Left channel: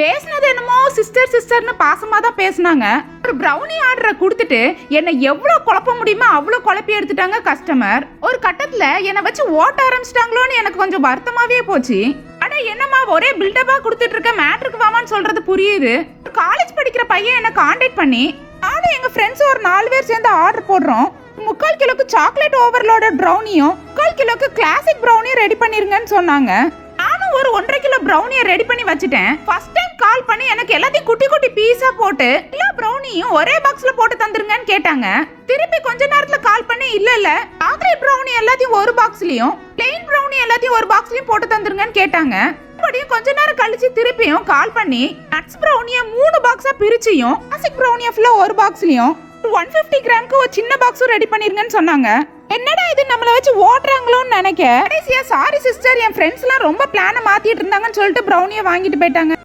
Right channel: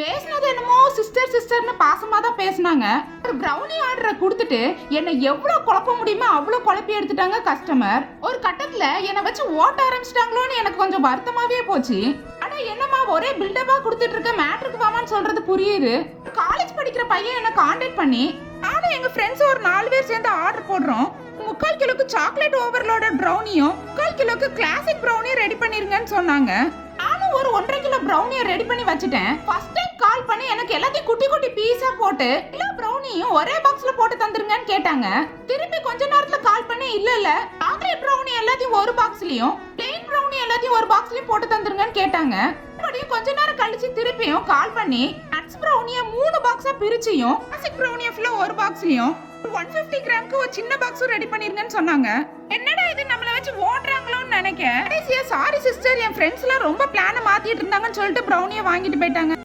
பேசினது என்னமோ சிஸ்டர் சிஸ்டர்னு பாசமா தான் பேசினாங்க. ஒரு ப்ரௌனி ஆர்டரை கொடுத்துட்டு என்னை எவ்வளவு குழப்ப முடியுமோ அவ்வளவு குழப்பி எடுத்துட்டாங்க கஸ்டமர். ஒரு கட்டத்துல என்னை வச்சு ஓட்ட ஆரம்பிச்சிட்டாங்களோன்னு எனக்கு கொஞ்சம் வருத்தமாவே போச்சு. அட என்னம்மா ஒரே பில்டப்பா கொடுத்துட்டு இருக்க, மேட்ருக்கு வாமான்னு சொல்றது புரியுது. காலேஜ் படிக்கிற பையன் என்ன கான்டாக்ட் பண்ணி நானும் எங்க ஃப்ரெண்ட்ஸ் ஒரு 4 பேர் சேர்ந்து ஆர்டர் போடுறோம். 3/4 கிலோக்கு சாக்லேட் ஓவர்லோடட் ப்ரௌனியும் 3/4 கிலோக்கு கிளாசிக் ப்ரௌனியும் ரெடி பண்ணிருங்கன்னு சொன்னாங்க. நானும் ஒரு 1.5 கிலோ ப்ரௌனியை ரெடி பண்ணி வச்சுட்டேன். ஃபர்ஸ்ட் டைம் கால் பண்ணி எனக்கு எல்லாத்தையும் குட்டி குட்டி பீஸா போட்டு எல்லா ப்ரௌனியும் ஒரே பாக்ஸ்ல போட்டு தந்துருங்கன்னு கேட்டாங்க. திருப்பி கொஞ்ச நேரத்துல கால் பண்ணி இல்ல சாக்லேட் ப்ரௌனி எல்லாத்தையும் ஒரு பாக்ஸ்லயும் பிளெயின் ப்ரௌனி எல்லாத்தையும் ஒரு பாக்ஸ்லயும் போட்டு தந்துருங்கன்னு கேட்டாங்க. மறுபடியும் கொஞ்ச நேரம் கழிச்சு திருப்பியும் கால் பண்ணி நட்ஸ் ப்ரௌனிய 3 பாக்ஸா பிரிச்சியும் கிளாசிக் ப்ரௌனிய ஃபுல்லா ஒரு பாக்ஸ்லயும் 150 கிராமுக்கு ஒரு சின்ன பாக்ஸும் ரெடி பண்ணிருங்கன்னு சொன்னாங்க. என்னடா இது நம்மள வச்சு ஓட்டுறாங்களோன்னு நினைக்க கடைசியா சாரி சிஸ்டர், என் ஃப்ரெண்ட்ஸ் எல்லாம் ரொம்ப பிளானை மாத்திட்டு இருந்தாங்கன்னு சொல்லிட்டு ப்ரௌனியை வாங்கிட்டு போயிட்டாங்க.